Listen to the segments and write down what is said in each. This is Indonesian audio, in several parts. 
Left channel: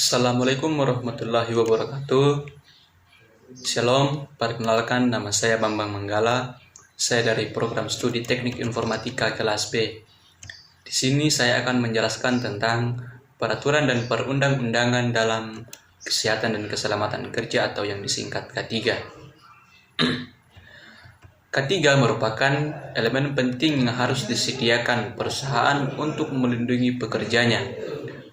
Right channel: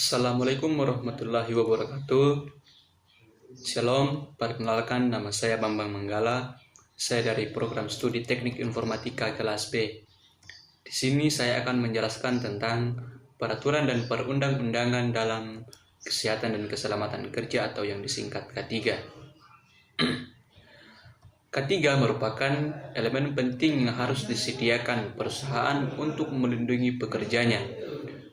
Assalamualaikum warahmatullahi wabarakatuh. Shalom, perkenalkan nama saya Bambang Manggala. Saya dari program studi Teknik Informatika kelas B. Di sini saya akan menjelaskan tentang peraturan dan perundang-undangan dalam kesehatan dan keselamatan kerja atau yang disingkat K3. K3 merupakan elemen penting yang harus disediakan perusahaan untuk melindungi pekerjanya.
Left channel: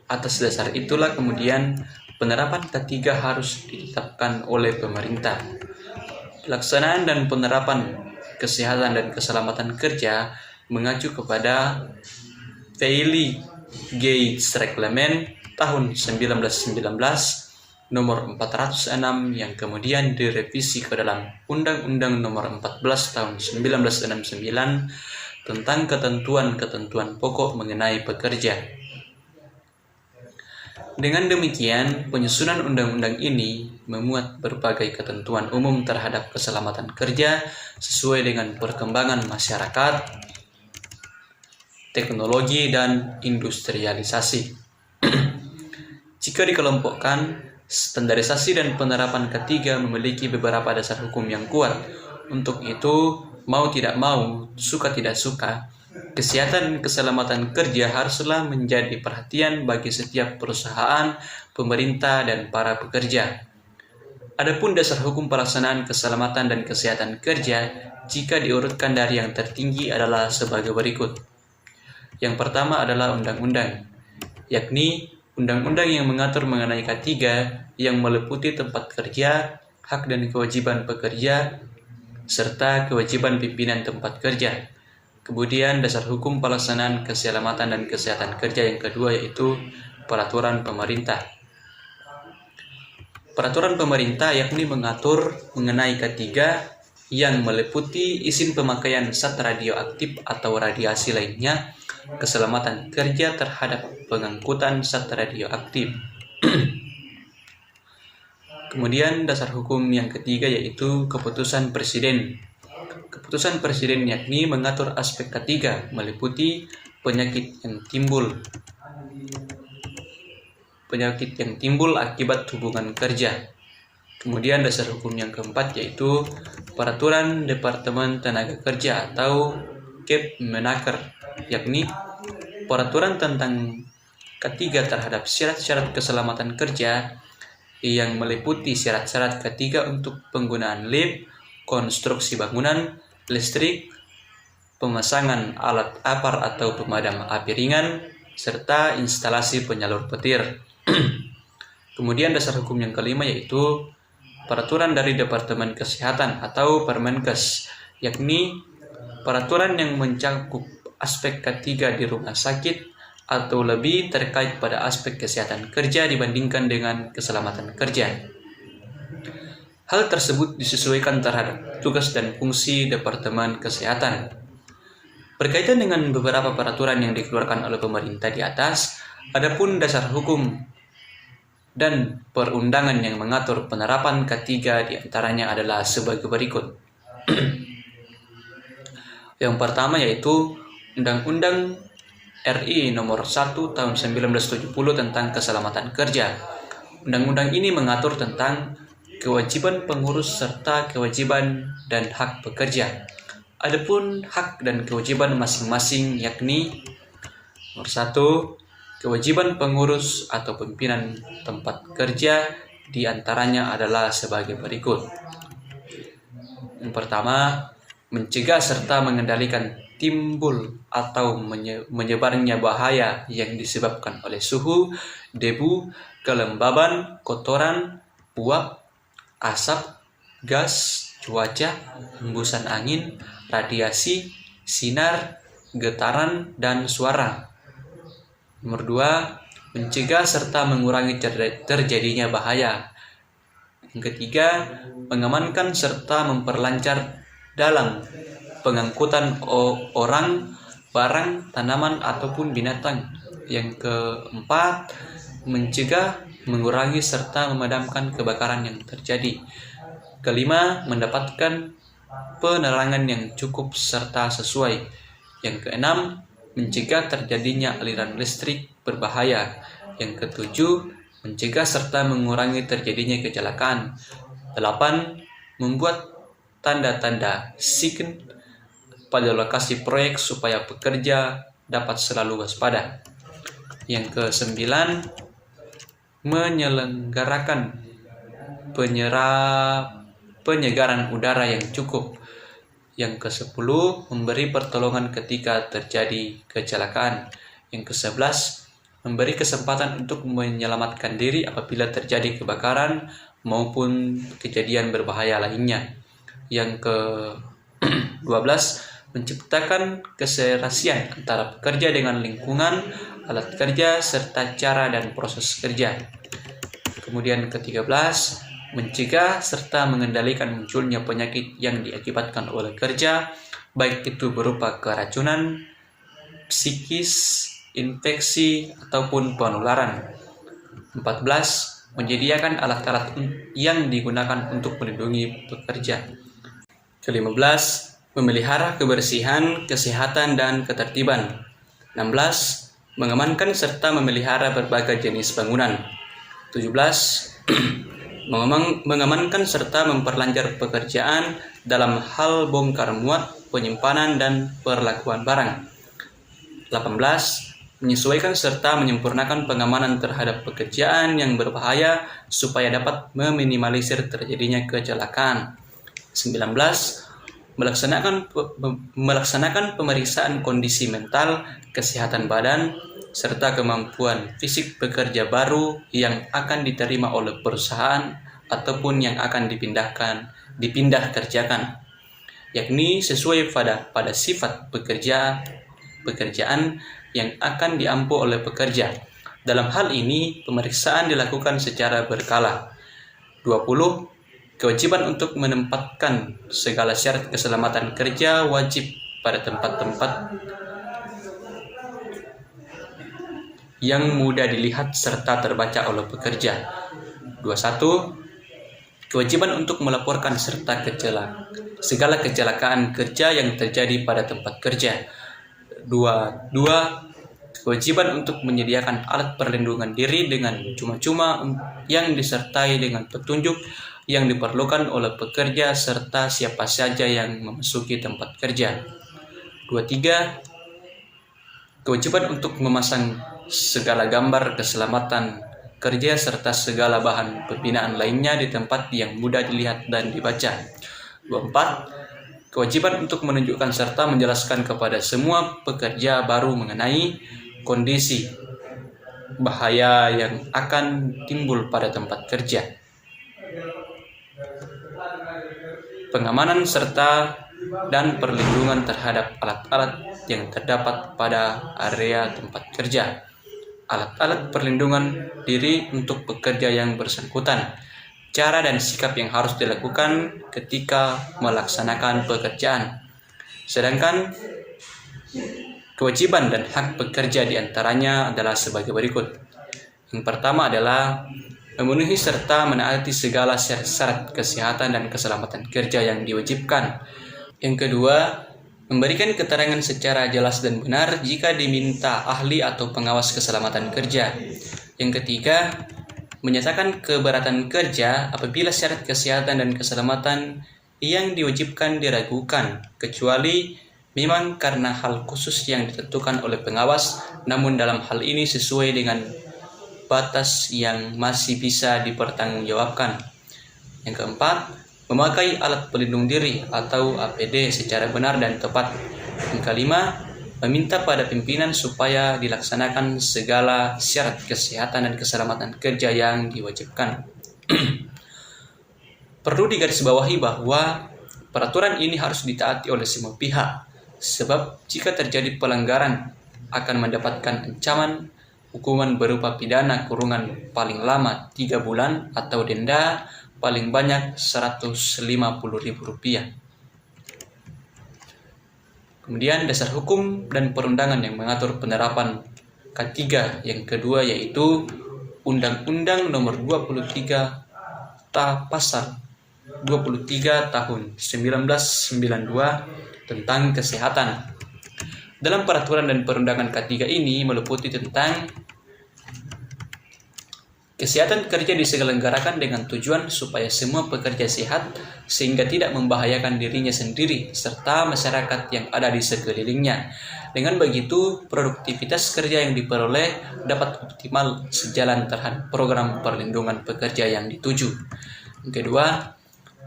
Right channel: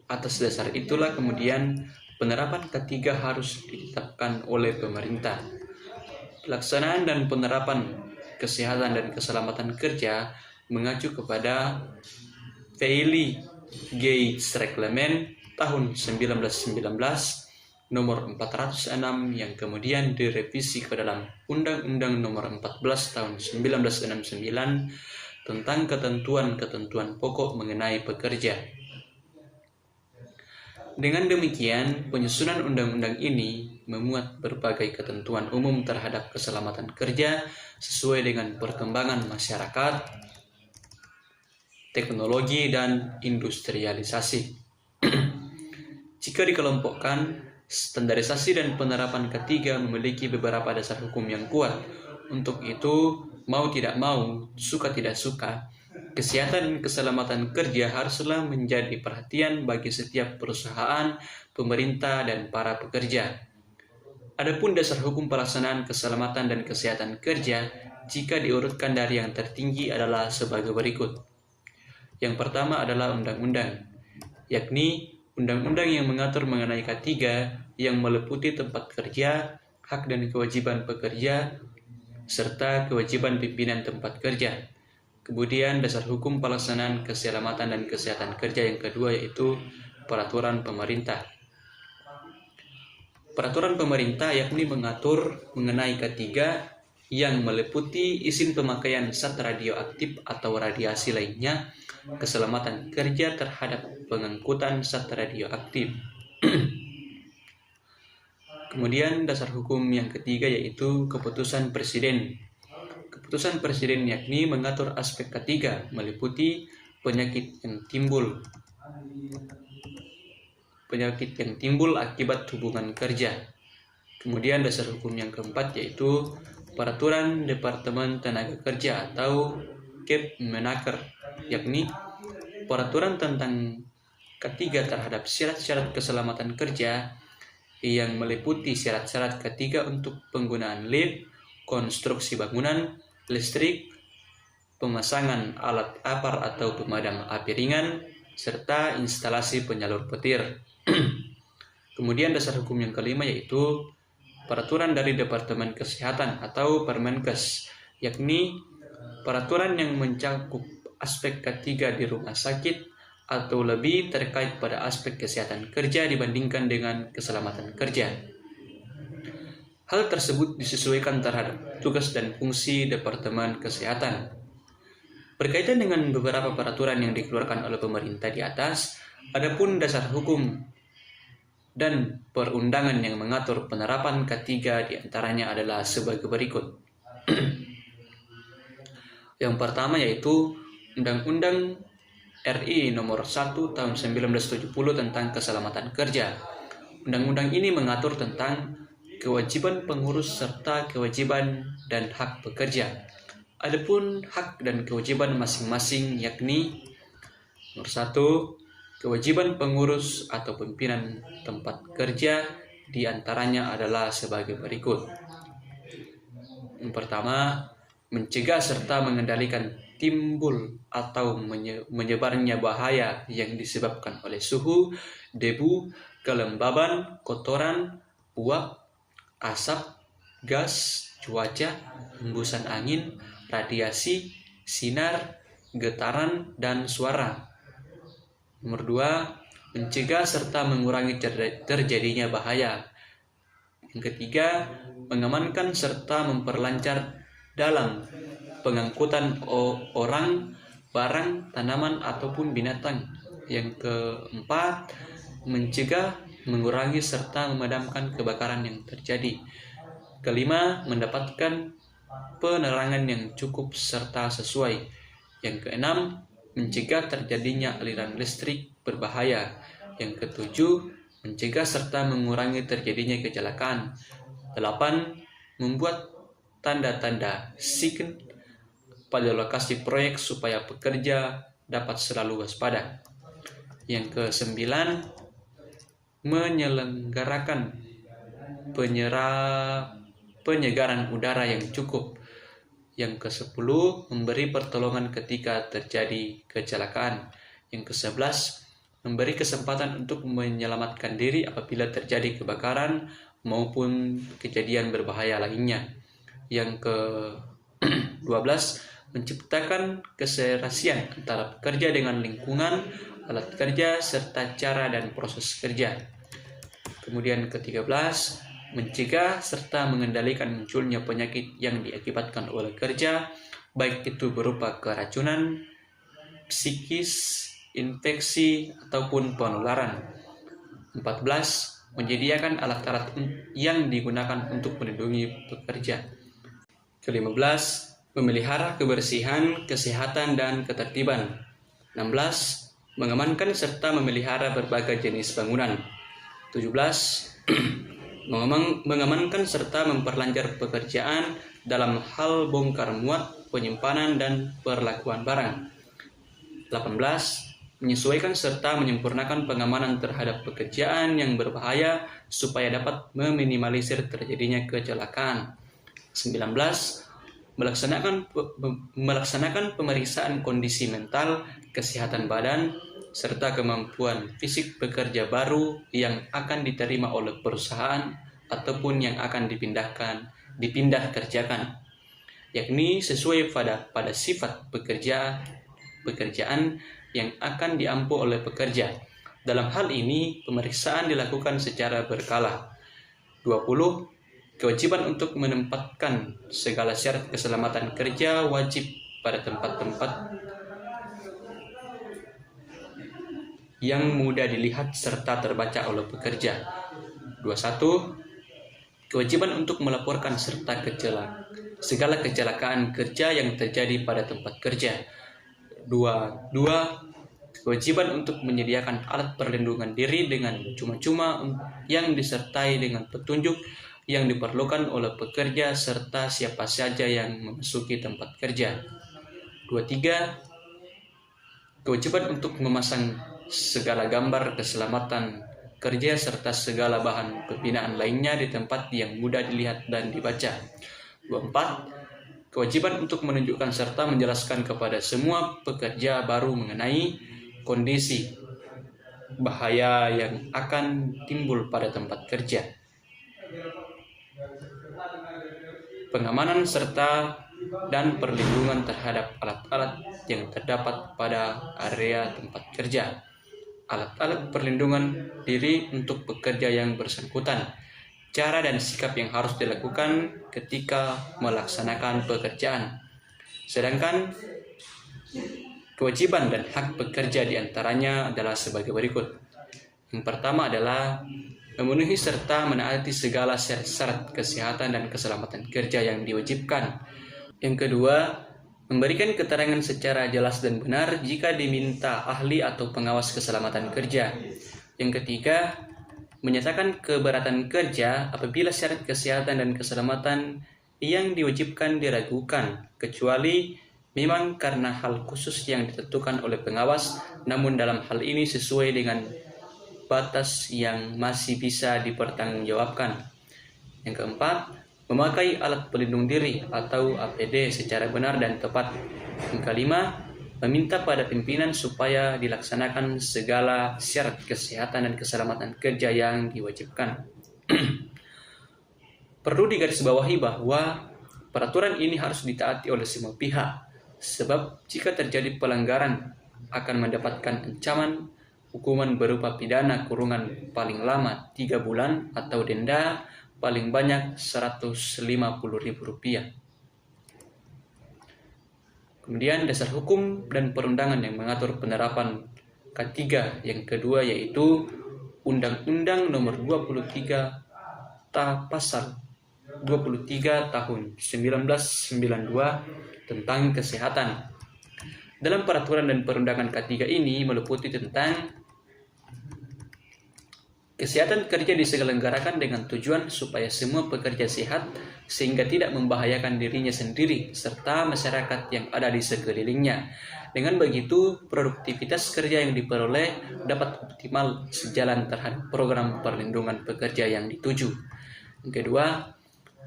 Atas dasar itulah kemudian penerapan K3 harus ditetapkan oleh pemerintah. Pelaksanaan dan penerapan kesehatan dan keselamatan kerja mengacu kepada Valley Gates Reglement tahun 1919 nomor 406 yang kemudian direvisi ke dalam Undang-Undang nomor 14 tahun 1969 tentang ketentuan-ketentuan pokok mengenai pekerja. Dengan demikian, penyusunan undang-undang ini memuat berbagai ketentuan umum terhadap keselamatan kerja sesuai dengan perkembangan masyarakat, teknologi, dan industrialisasi. Jika dikelompokkan, standarisasi dan penerapan K3 memiliki beberapa dasar hukum yang kuat. Untuk itu, mau tidak mau, suka tidak suka, kesehatan dan keselamatan kerja haruslah menjadi perhatian bagi setiap perusahaan, pemerintah, dan para pekerja. Adapun dasar hukum pelaksanaan keselamatan dan kesehatan kerja, jika diurutkan dari yang tertinggi adalah sebagai berikut. Yang pertama adalah undang-undang, yakni undang-undang yang mengatur mengenai K3 yang meliputi tempat kerja, hak dan kewajiban pekerja, serta kewajiban pimpinan tempat kerja. Kemudian dasar hukum pelaksanaan keselamatan dan kesehatan kerja yang kedua yaitu peraturan pemerintah. Peraturan pemerintah yakni mengatur mengenai K3 yang meliputi izin pemakaian zat radioaktif atau radiasi lainnya, keselamatan kerja terhadap pengangkutan zat radioaktif. Kemudian dasar hukum yang ketiga yaitu keputusan presiden. Keputusan presiden yakni mengatur aspek K3 meliputi penyakit yang timbul akibat hubungan kerja. Kemudian dasar hukum yang keempat yaitu peraturan Departemen Tenaga Kerja atau Kepmenaker, yakni peraturan tentang K3 terhadap syarat-syarat keselamatan kerja yang meliputi syarat-syarat K3 untuk penggunaan lift, konstruksi bangunan, listrik, pemasangan alat apar atau pemadam api ringan, serta instalasi penyalur petir. Kemudian dasar hukum yang kelima yaitu peraturan dari Departemen Kesehatan atau Permenkes, yakni peraturan yang mencakup aspek K3 di rumah sakit atau lebih terkait pada aspek kesehatan kerja dibandingkan dengan keselamatan kerja. Hal tersebut disesuaikan terhadap tugas dan fungsi Departemen Kesehatan. Berkaitan dengan beberapa peraturan yang dikeluarkan oleh pemerintah di atas, adapun dasar hukum dan perundangan yang mengatur penerapan K3 diantaranya adalah sebagai berikut. Yang pertama yaitu Undang-Undang RI Nomor 1 Tahun 1970 tentang Keselamatan Kerja. Undang-undang ini mengatur tentang kewajiban pengurus serta kewajiban dan hak pekerja. Adapun hak dan kewajiban masing-masing yakni nomor 1, kewajiban pengurus atau pimpinan tempat kerja diantaranya adalah sebagai berikut. Yang pertama, mencegah serta mengendalikan timbul atau menyebarnya bahaya yang disebabkan oleh suhu, debu, kelembaban, kotoran, uap, asap, gas, cuaca, hembusan angin, radiasi, sinar, getaran, dan suara. Nomor 2, mencegah serta mengurangi terjadinya bahaya. Yang ketiga, mengamankan serta memperlancar dalam pengangkutan orang, barang, tanaman, ataupun binatang. Yang keempat, mencegah, mengurangi serta memadamkan kebakaran yang terjadi. Kelima, mendapatkan penerangan yang cukup serta sesuai. Yang keenam, mencegah terjadinya aliran listrik berbahaya. Yang ketujuh, mencegah serta mengurangi terjadinya kecelakaan. 8. Membuat tanda-tanda sign pada lokasi proyek supaya pekerja dapat selalu waspada. Yang ke-9, menyelenggarakan penyegaran udara yang cukup. Yang ke-10, memberi pertolongan ketika terjadi kecelakaan. Yang ke-11, memberi kesempatan untuk menyelamatkan diri apabila terjadi kebakaran maupun kejadian berbahaya lainnya. Yang ke-12, menciptakan keserasian antara pekerja dengan lingkungan, alat kerja, serta cara dan proses kerja. Kemudian ke-13, mencegah serta mengendalikan munculnya penyakit yang diakibatkan oleh kerja, baik itu berupa keracunan, psikis, infeksi, ataupun penularan. 14. Menyediakan alat-alat yang digunakan untuk melindungi pekerja. Ke-15, memelihara kebersihan, kesehatan, dan ketertiban. 16. Mengamankan serta memelihara berbagai jenis bangunan. 17. Mengamankan serta memperlancar pekerjaan dalam hal bongkar muat, penyimpanan, dan perlakuan barang. 18. Menyesuaikan serta menyempurnakan pengamanan terhadap pekerjaan yang berbahaya supaya dapat meminimalisir terjadinya kecelakaan. 19. Melaksanakan pemeriksaan kondisi mental, kesehatan badan, serta kemampuan fisik pekerja baru yang akan diterima oleh perusahaan ataupun yang akan dipindah kerjakan, yakni sesuai pada sifat pekerjaan yang akan diampu oleh pekerja. Dalam hal ini, pemeriksaan dilakukan secara berkala. 20. Kewajiban untuk menempatkan segala syarat keselamatan kerja wajib pada tempat-tempat yang mudah dilihat serta terbaca oleh pekerja. 21. Kewajiban untuk melaporkan serta segala kecelakaan kerja yang terjadi pada tempat kerja. 22. Kewajiban untuk menyediakan alat perlindungan diri dengan cuma-cuma yang disertai dengan petunjuk yang diperlukan oleh pekerja serta siapa saja yang memasuki tempat kerja. 23. Kewajiban untuk memasang segala gambar keselamatan kerja serta segala bahan pembinaan lainnya di tempat yang mudah dilihat dan dibaca. 24. Kewajiban untuk menunjukkan serta menjelaskan kepada semua pekerja baru mengenai kondisi bahaya yang akan timbul pada tempat kerja. Pengamanan serta dan perlindungan terhadap alat-alat yang terdapat pada area tempat kerja. Alat-alat perlindungan diri untuk pekerja yang bersangkutan. Cara dan sikap yang harus dilakukan ketika melaksanakan pekerjaan. Sedangkan kewajiban dan hak pekerja diantaranya adalah sebagai berikut. Yang pertama adalah memenuhi serta menaati segala syarat kesehatan dan keselamatan kerja yang diwajibkan. Yang kedua, memberikan keterangan secara jelas dan benar jika diminta ahli atau pengawas keselamatan kerja. Yang ketiga, menyatakan keberatan kerja apabila syarat kesehatan dan keselamatan yang diwajibkan diragukan, kecuali memang karena hal khusus yang ditentukan oleh pengawas, namun dalam hal ini sesuai dengan batas yang masih bisa dipertanggungjawabkan. Yang keempat, memakai alat pelindung diri atau APD secara benar dan tepat. Yang kelima, meminta pada pimpinan supaya dilaksanakan segala syarat kesehatan dan keselamatan kerja yang diwajibkan. Perlu digarisbawahi bahwa peraturan ini harus ditaati oleh semua pihak, sebab jika terjadi pelanggaran akan mendapatkan ancaman hukuman berupa pidana kurungan paling lama 3 bulan atau denda paling banyak Rp150.000. Kemudian dasar hukum dan perundangan yang mengatur penerapan K3 yang kedua yaitu Undang-Undang Nomor 23 Pasal 23 Tahun 1992 tentang kesehatan. Dalam peraturan dan perundangan K3 ini meliputi tentang Kesehatan kerja diselenggarakan dengan tujuan supaya semua pekerja sehat sehingga tidak membahayakan dirinya sendiri serta masyarakat yang ada di sekelilingnya. Dengan begitu, produktivitas kerja yang diperoleh dapat optimal sejalan terhadap program perlindungan pekerja yang dituju. Yang kedua,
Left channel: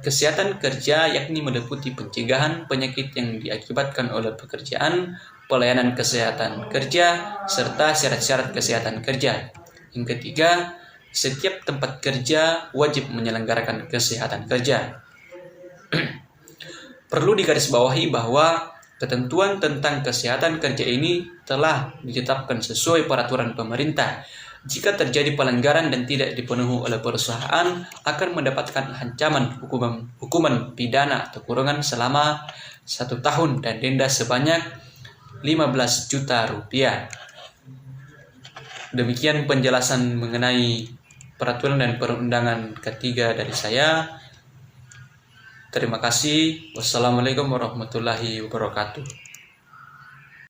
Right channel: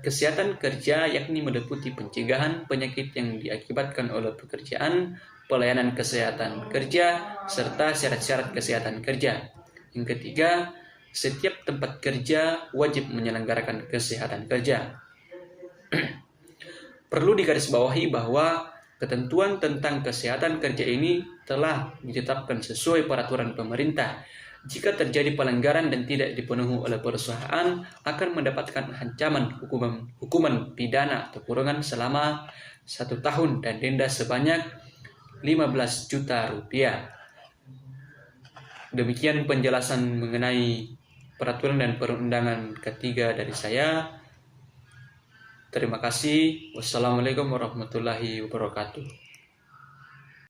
kesehatan kerja yakni meliputi pencegahan penyakit yang diakibatkan oleh pekerjaan, pelayanan kesehatan kerja, serta syarat-syarat kesehatan kerja. Yang ketiga, setiap tempat kerja wajib menyelenggarakan kesehatan kerja. Perlu digarisbawahi bahwa ketentuan tentang kesehatan kerja ini telah ditetapkan sesuai peraturan pemerintah. Jika terjadi pelanggaran dan tidak dipenuhi oleh perusahaan, akan mendapatkan ancaman hukuman pidana atau kurungan selama 1 tahun dan denda sebanyak 15 juta rupiah. Demikian penjelasan mengenai peraturan dan perundangan ketiga dari saya. Terima kasih. Wassalamualaikum warahmatullahi wabarakatuh.